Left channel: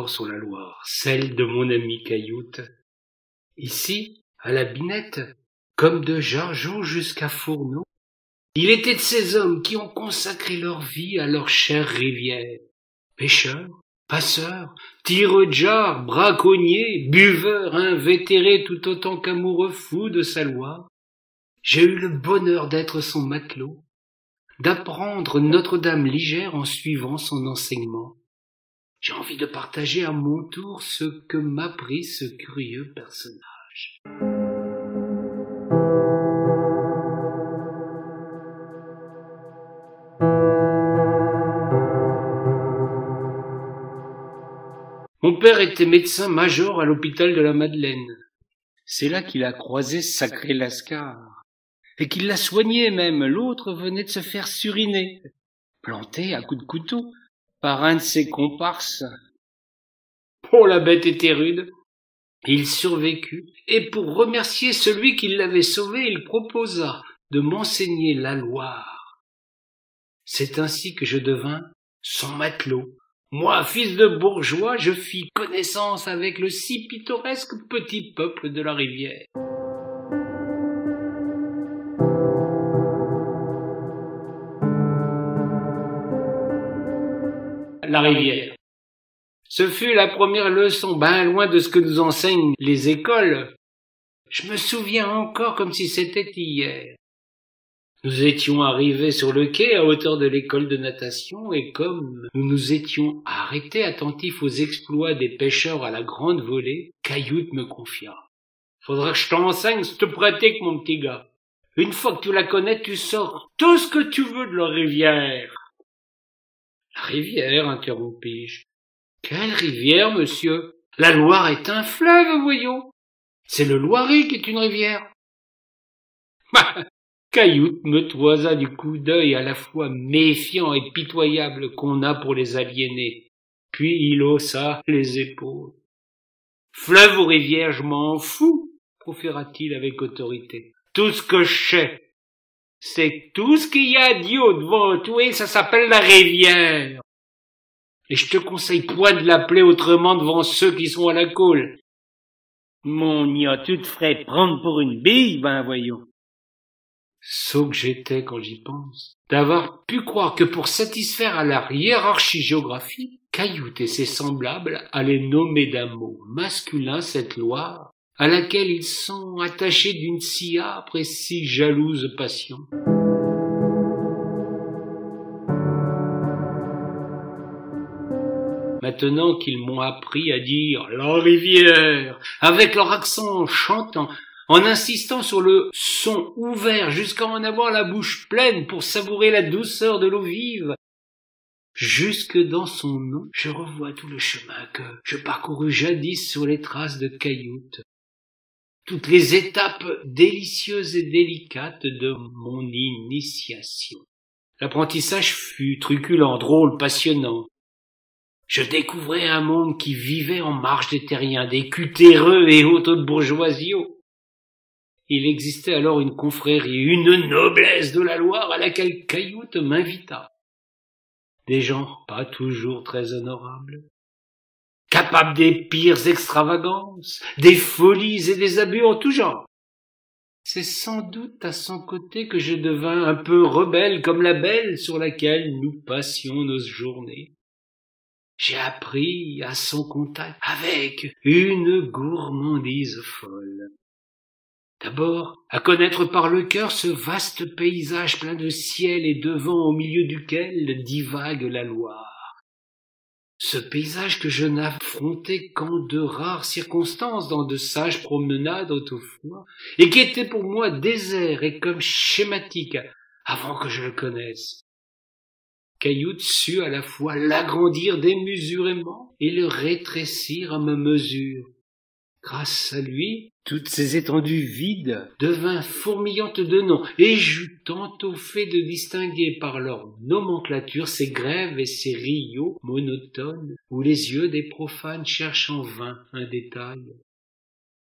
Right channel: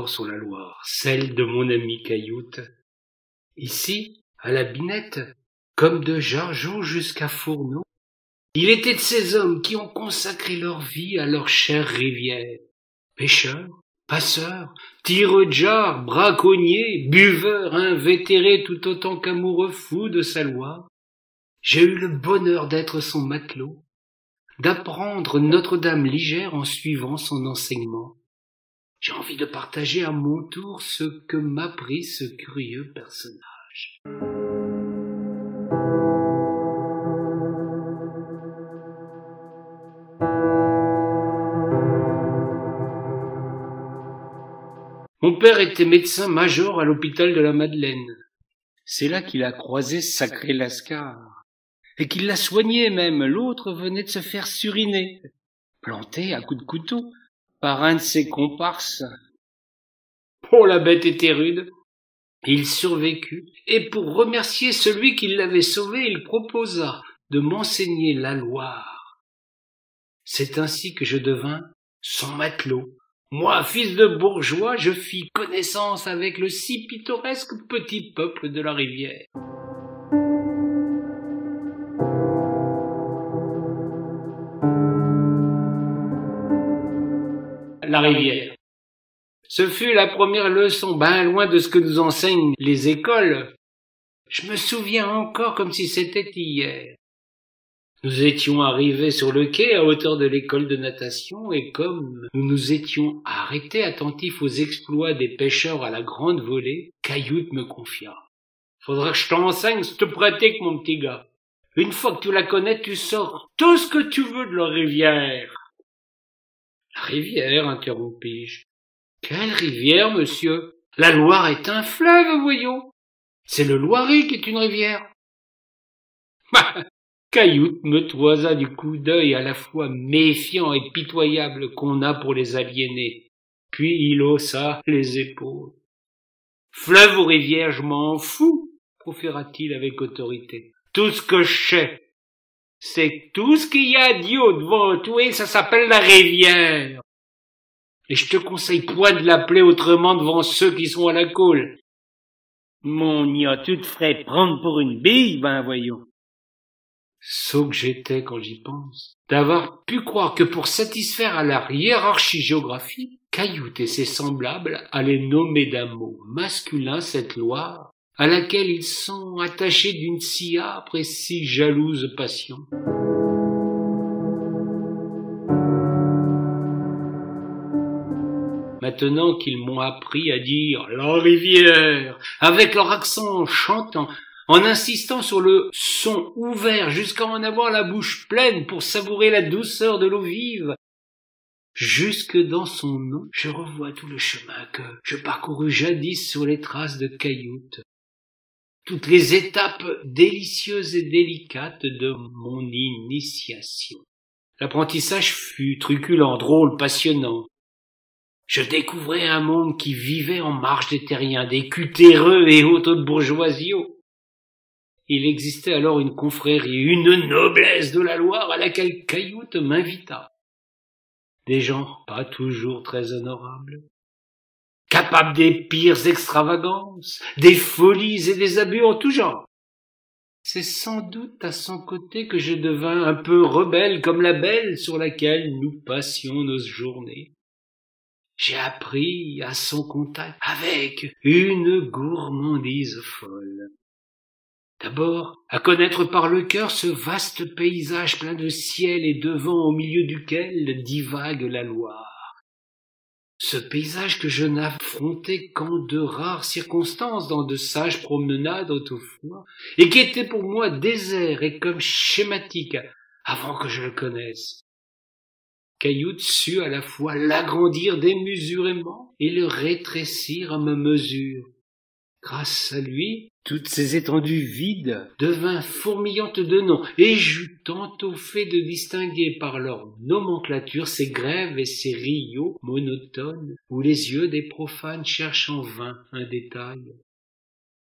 encore sur la Loire, celle de mon ami Cailloute. Ici, à la Binette, comme de Jargeau jusqu'à Fourneau, il était de ces hommes qui ont consacré leur vie à leur chère rivière. Pêcheurs, passeurs, tireux de jarres, braconniers, buveurs, invétérés tout autant qu'amoureux fous de sa Loire, j'ai eu le bonheur d'être son matelot, d'apprendre Notre-Dame ligère en suivant son enseignement. J'ai envie de partager à mon tour ce que m'apprit ce curieux personnage. Mon père était médecin-major à l'hôpital de la Madeleine. C'est là qu'il a croisé sacré Lascar, et qu'il l'a soigné même. L'autre venait de se faire suriner, planté à coups de couteau, par un de ses comparses. Oh, la bête était rude. Il survécut, et pour remercier celui qui l'avait sauvé, il proposa de m'enseigner la Loire. C'est ainsi que je devins son matelot. Moi, fils de bourgeois, je fis connaissance avec le si pittoresque petit peuple de la rivière. La rivière. Ce fut la première leçon, ben loin de ce que nous enseignent les écoles. Je me souviens encore comme si c'était hier. Nous étions arrivés sur le quai à hauteur de l'école de natation et comme nous nous étions arrêtés attentifs aux exploits des pêcheurs à la grande volée, Cailloute me confia. Faudra que je t'enseigne cette pratique, mon petit gars. Une fois que tu la connais, tu sors tout ce que tu veux de la rivière. La rivière, interrompis-je. Quelle rivière, monsieur? La Loire est un fleuve, voyons. C'est le Loiret qui est une rivière. Cailloute me toisa du coup d'œil à la fois méfiant et pitoyable qu'on a pour les aliénés. Puis il haussa les épaules. Fleuve ou rivière, je m'en fous, proféra-t-il avec autorité. Tout ce que je sais, c'est tout ce qu'il y a d'idiot devant toi, et ça s'appelle la rivière. Et je te conseille point de l'appeler autrement devant ceux qui sont à la coule. Mon gna, tu te ferais prendre pour une bille, ben voyons. Sot que j'étais quand j'y pense, d'avoir pu croire que pour satisfaire à la hiérarchie géographique, Cailloute et ses semblables allaient nommer d'un mot masculin cette Loire, à laquelle ils sont attachés d'une si âpre et si jalouse passion. Maintenant qu'ils m'ont appris à dire « la rivière » avec leur accent chantant, en insistant sur le son ouvert jusqu'à en avoir la bouche pleine pour savourer la douceur de l'eau vive. Jusque dans son nom, je revois tout le chemin que je parcourus jadis sur les traces de Cailloute, toutes les étapes délicieuses et délicates de mon initiation. L'apprentissage fut truculent, drôle, passionnant. Je découvrais un monde qui vivait en marge des terriens, des cutéreux et autres bourgeoisiaux. Il existait alors une confrérie, une noblesse de la Loire à laquelle Cailloute m'invita. Des gens pas toujours très honorables, capables des pires extravagances, des folies et des abus en tout genre. C'est sans doute à son côté que je devins un peu rebelle comme la belle sur laquelle nous passions nos journées. J'ai appris à son contact avec une gourmandise folle. D'abord, à connaître par le cœur ce vaste paysage plein de ciel et de vent au milieu duquel divague la Loire. Ce paysage que je n'affrontais qu'en de rares circonstances dans de sages promenades autrefois, et qui était pour moi désert et comme schématique avant que je le connaisse. Cailloute sut à la fois l'agrandir démesurément et le rétrécir à ma mesure. Grâce à lui, toutes ces étendues vides devinrent fourmillantes de noms, et j'eus tantôt fait de distinguer par leur nomenclature ces grèves et ces rios monotones, où les yeux des profanes cherchent en vain un détail.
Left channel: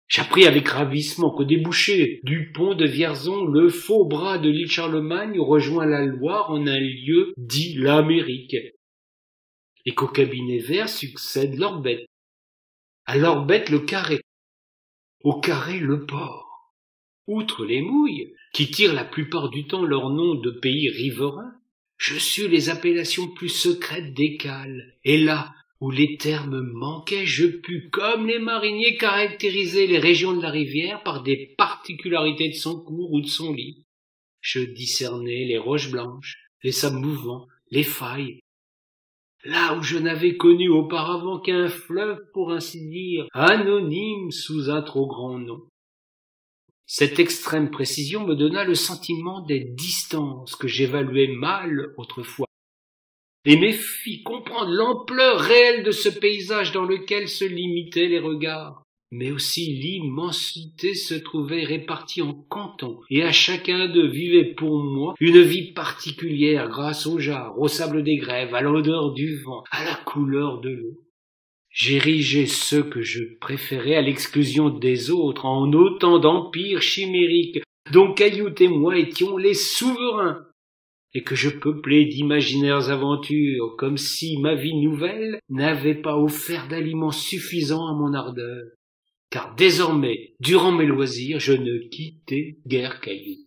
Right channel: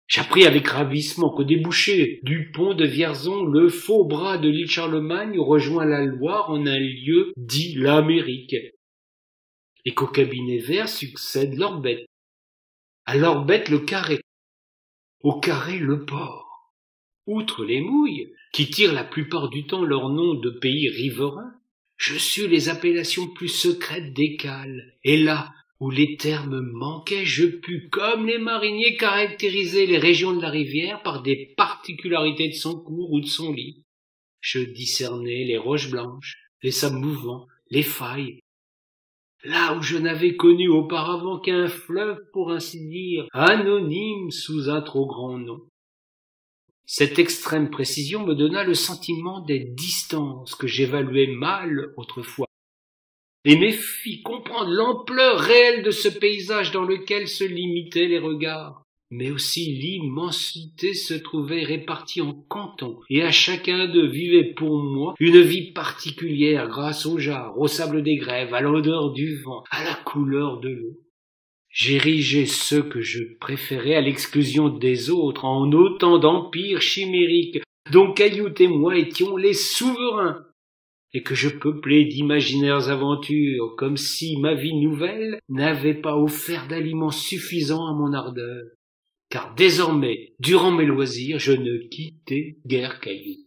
J'appris avec ravissement qu'au débouché du pont de Vierzon, le faux bras de l'île Charlemagne rejoint la Loire en un lieu dit l'Amérique. et qu'au cabinet vert succède l'orbette. À l'orbette, le carré. Au carré, le port. Outre les mouilles, qui tirent la plupart du temps leur nom de pays riverains, je sus les appellations plus secrètes des cales, et là où les termes manquaient, je pus, comme les mariniers, caractériser les régions de la rivière par des particularités de son cours ou de son lit. Je discernais les roches blanches, les sables mouvants, les failles, là où je n'avais connu auparavant qu'un fleuve, pour ainsi dire, anonyme sous un trop grand nom. Cette extrême précision me donna le sentiment des distances que j'évaluais mal autrefois, et me fit comprendre l'ampleur réelle de ce paysage dans lequel se limitaient les regards. Mais aussi l'immensité se trouvait répartie en cantons, et à chacun d'eux vivait pour moi une vie particulière grâce au jarre, au sable des grèves, à l'odeur du vent, à la couleur de l'eau. J'érigeais ceux que je préférais à l'exclusion des autres en autant d'empires chimériques dont Caillout et moi étions les souverains, et que je peuplais d'imaginaires aventures, comme si ma vie nouvelle n'avait pas offert d'aliments suffisants à mon ardeur. Car désormais, durant mes loisirs, je ne quittais guère Caillout.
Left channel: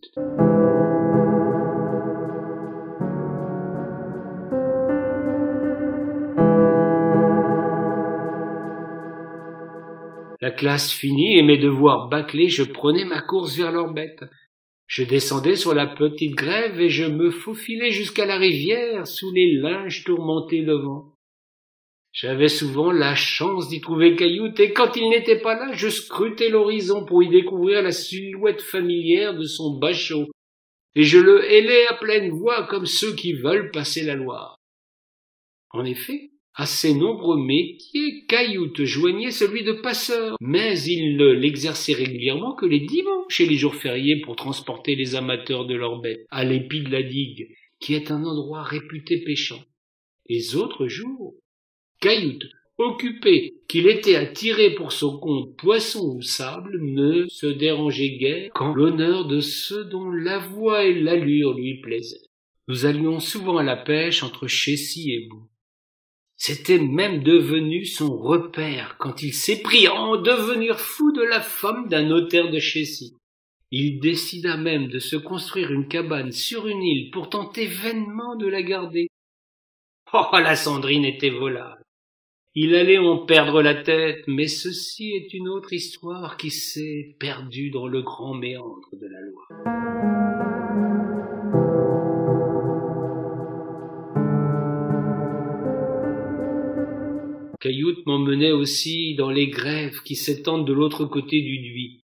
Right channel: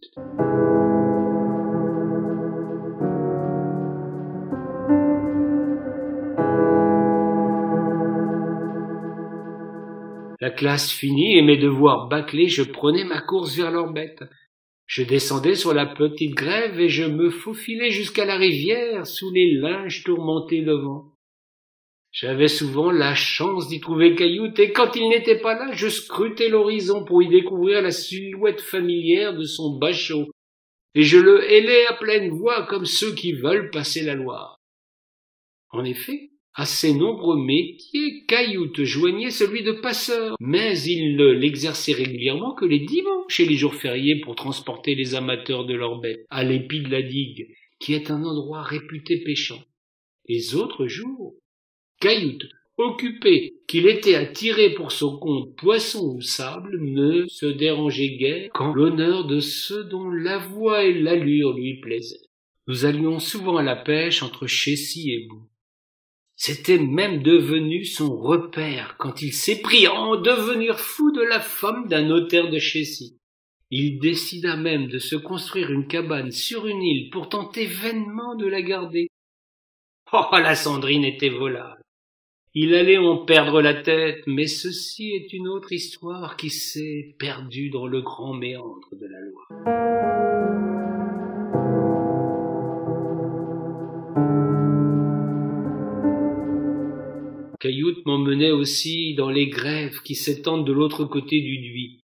La classe finie et mes devoirs bâclés, je prenais ma course vers l'orbette. Je descendais sur la petite grève et je me faufilais jusqu'à la rivière sous les linges tourmentés de vent. J'avais souvent la chance d'y trouver Caillout, et quand il n'était pas là, je scrutais l'horizon pour y découvrir la silhouette familière de son bachot, et je le hélais à pleine voix comme ceux qui veulent passer la Loire. En effet, à ses nombreux métiers, Caillout joignait celui de passeur, mais il ne l'exerçait régulièrement que les dimanches et les jours fériés pour transporter les amateurs de l'orbette à l'épi de la digue, qui est un endroit réputé pêchant. Les autres jours, Caillout, occupé qu'il était à tirer pour son compte poisson ou sable, ne se dérangeait guère qu'en l'honneur de ceux dont la voix et l'allure lui plaisaient. Nous allions souvent à la pêche entre Chécy et Boue. C'était même devenu son repère quand il s'est pris à en devenir fou de la femme d'un notaire de Chécy. Il décida même de se construire une cabane sur une île pour tenter vainement de la garder. Oh, la Sandrine était volable. Il allait en perdre la tête, mais ceci est une autre histoire qui s'est perdue dans le grand méandre de la Loire. Caillout m'emmenait aussi dans les grèves qui s'étendent de l'autre côté du Dhuy.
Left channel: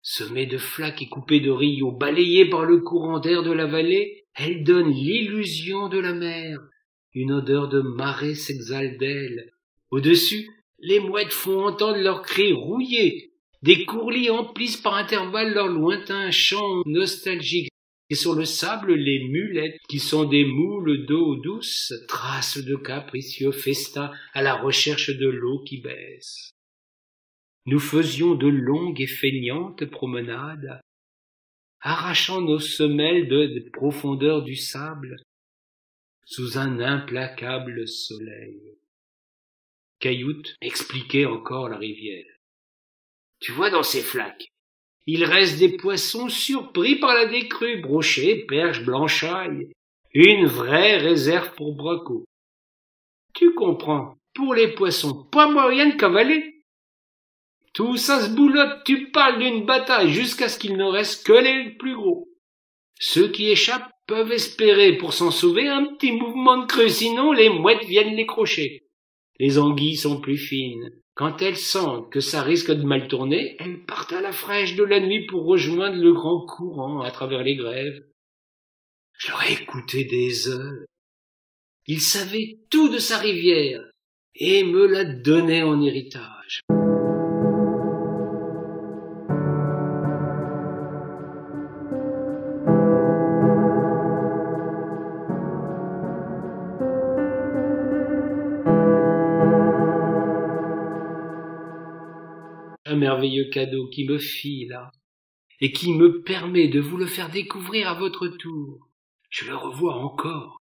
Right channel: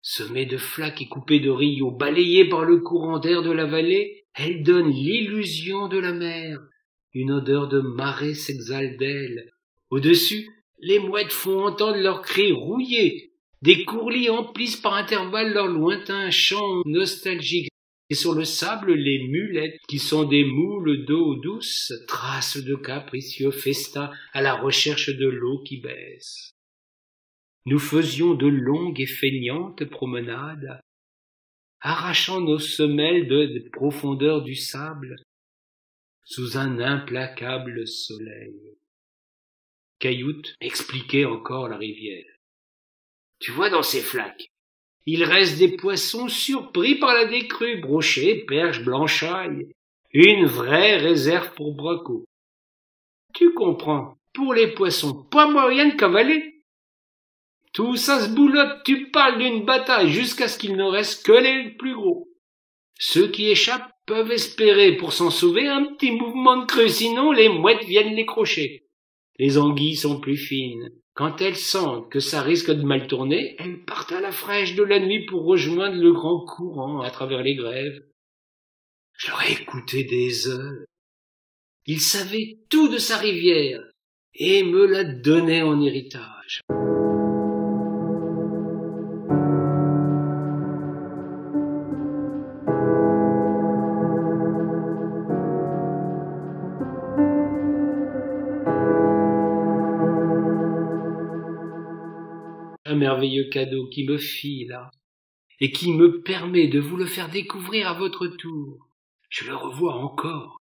Semées de flaques et coupées de rios, balayées par le courant d'air de la vallée, elles donnent l'illusion de la mer. Une odeur de marée s'exhale d'elles. Au-dessus, les mouettes font entendre leurs cris rouillés. Des courlis emplissent par intervalles leur lointain chant nostalgique. Et sur le sable, les mulettes, qui sont des moules d'eau douce, tracent de capricieux festins à la recherche de l'eau qui baisse. Nous faisions de longues et feignantes promenades, arrachant nos semelles des profondeurs du sable, sous un implacable soleil. Caillout expliquait encore la rivière. Tu vois dans ces flaques, il reste des poissons surpris par la décrue, brochets, perches, blanchailles, une vraie réserve pour bracot. Tu comprends, pour les poissons, pas moyen de cavaler. Tout ça se boulotte, tu parles d'une bataille jusqu'à ce qu'il ne reste que les plus gros. Ceux qui échappent peuvent espérer pour s'en sauver un petit mouvement de creux, sinon les mouettes viennent les crocher. Les anguilles sont plus fines. Quand elles sentent que ça risque de mal tourner, elles partent à la fraîche de la nuit pour rejoindre le grand courant à travers les grèves. Je l'aurais écouté des heures. Il savait tout de sa rivière et me la donnait en héritage. Un merveilleux cadeau qui me fit là, et qui me permet de vous le faire découvrir à votre tour. Je le revois encore.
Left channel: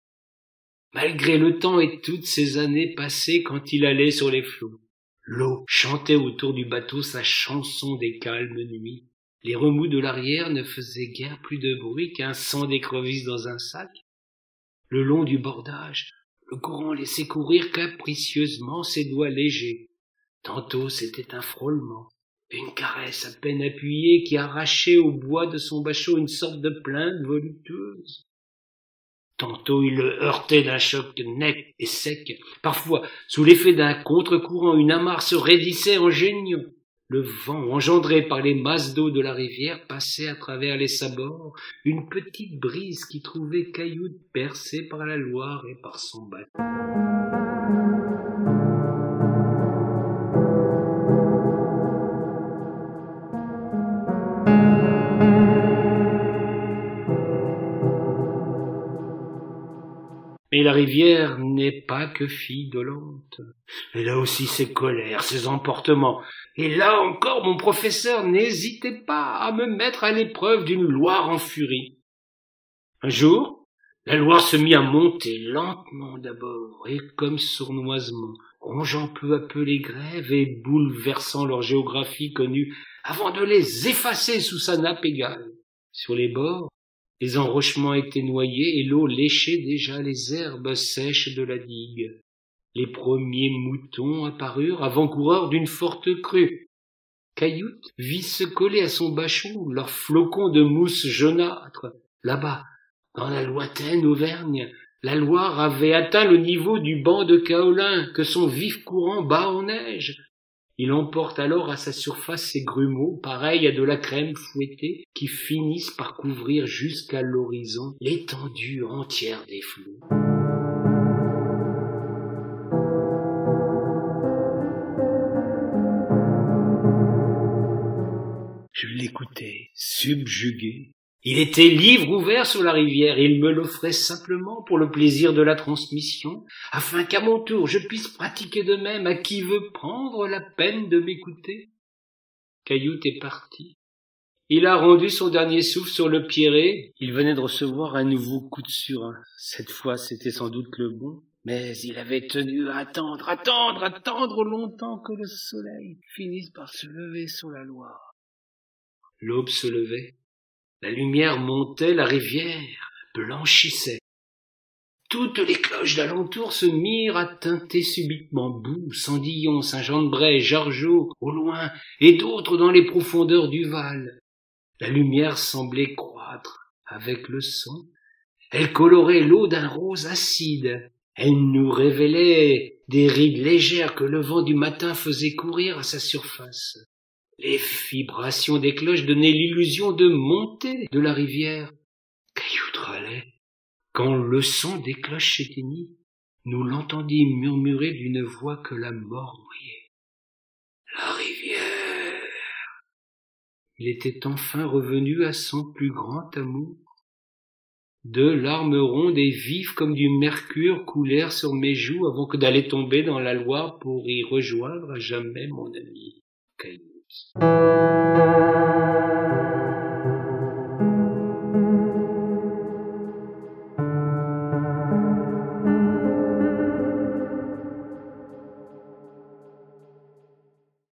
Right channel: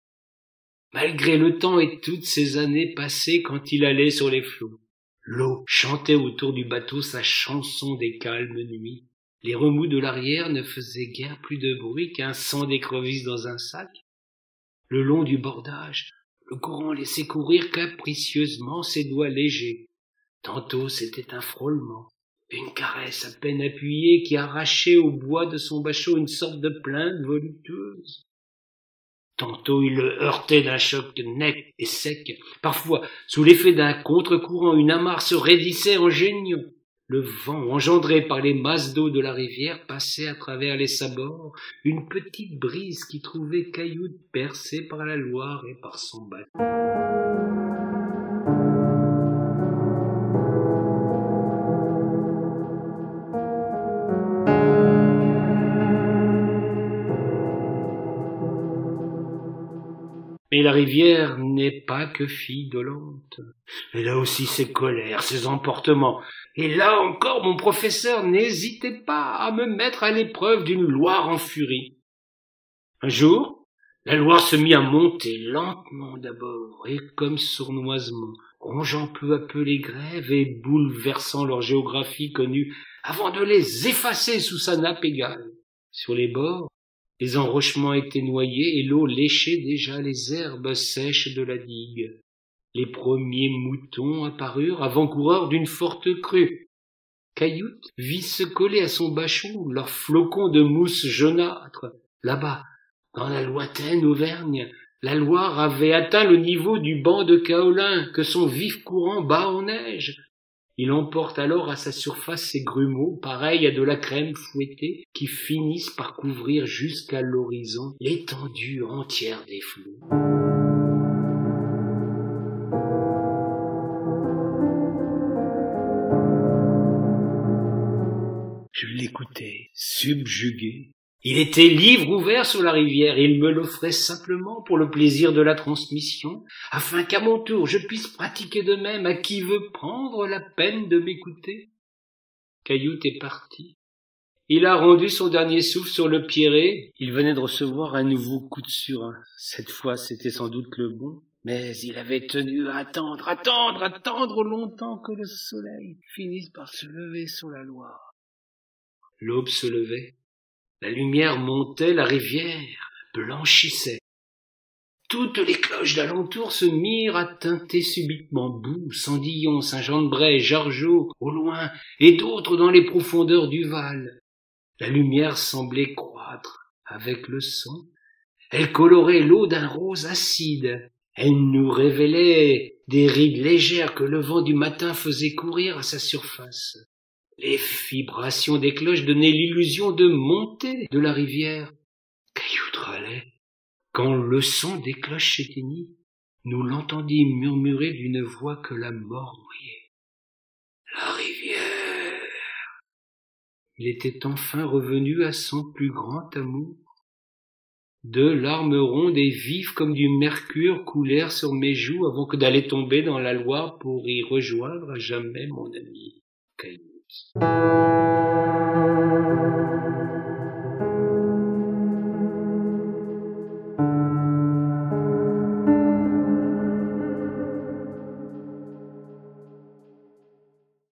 malgré le temps et toutes ces années passées quand il allait sur les flots. L'eau chantait autour du bateau sa chanson des calmes nuits. Les remous de l'arrière ne faisaient guère plus de bruit qu'un sang d'écrevisse dans un sac. Le long du bordage, le courant laissait courir capricieusement ses doigts légers. Tantôt c'était un frôlement, une caresse à peine appuyée qui arrachait au bois de son bachot une sorte de plainte voluptueuse. Tantôt il le heurtait d'un choc net et sec. Parfois, sous l'effet d'un contre-courant, une amarre se raidissait en geignant. Le vent, engendré par les masses d'eau de la rivière, passait à travers les sabords, une petite brise qui trouvait Cailloute percé par la Loire et par son bateau. Mais la rivière n'est pas que fille dolente. Elle a aussi ses colères, ses emportements. Et là encore, mon professeur n'hésitait pas à me mettre à l'épreuve d'une Loire en furie. Un jour, la Loire se mit à monter, lentement d'abord, et comme sournoisement, rongeant peu à peu les grèves et bouleversant leur géographie connue, avant de les effacer sous sa nappe égale. Sur les bords, les enrochements étaient noyés et l'eau léchait déjà les herbes sèches de la digue. Les premiers moutons apparurent, avant-coureurs d'une forte crue. Cailloute vit se coller à son bachot leurs flocons de mousse jaunâtre. Là-bas, dans la lointaine Auvergne, la Loire avait atteint le niveau du banc de kaolin que son vif courant bat en neige. Il emporte alors à sa surface ces grumeaux, pareils à de la crème fouettée, qui finissent par couvrir jusqu'à l'horizon l'étendue entière des flots. Je l'écoutais, subjugué. Il était livre ouvert sur la rivière et il me l'offrait simplement pour le plaisir de la transmission, afin qu'à mon tour je puisse pratiquer de même à qui veut prendre la peine de m'écouter. Cailloute est parti. Il a rendu son dernier souffle sur le pierré. Il venait de recevoir un nouveau coup de surin. Cette fois, c'était sans doute le bon. Mais il avait tenu à attendre longtemps que le soleil finisse par se lever sur la Loire. L'aube se levait. La lumière montait, la rivière blanchissait. Toutes les cloches d'alentour se mirent à tinter subitement Boue, Sandillon, Saint-Jean-de-Bray, Jargeau, au loin, et d'autres dans les profondeurs du Val. La lumière semblait croître avec le son. Elle colorait l'eau d'un rose acide. Elle nous révélait des rides légères que le vent du matin faisait courir à sa surface. Les vibrations des cloches donnaient l'illusion de monter de la rivière. Cailloute râlait. Quand le son des cloches s'éteignit, nous l'entendîmes murmurer d'une voix que la mort noyait. La rivière. Il était enfin revenu à son plus grand amour. Deux larmes rondes et vives comme du mercure coulèrent sur mes joues avant que d'aller tomber dans la Loire pour y rejoindre à jamais mon ami Cailloute.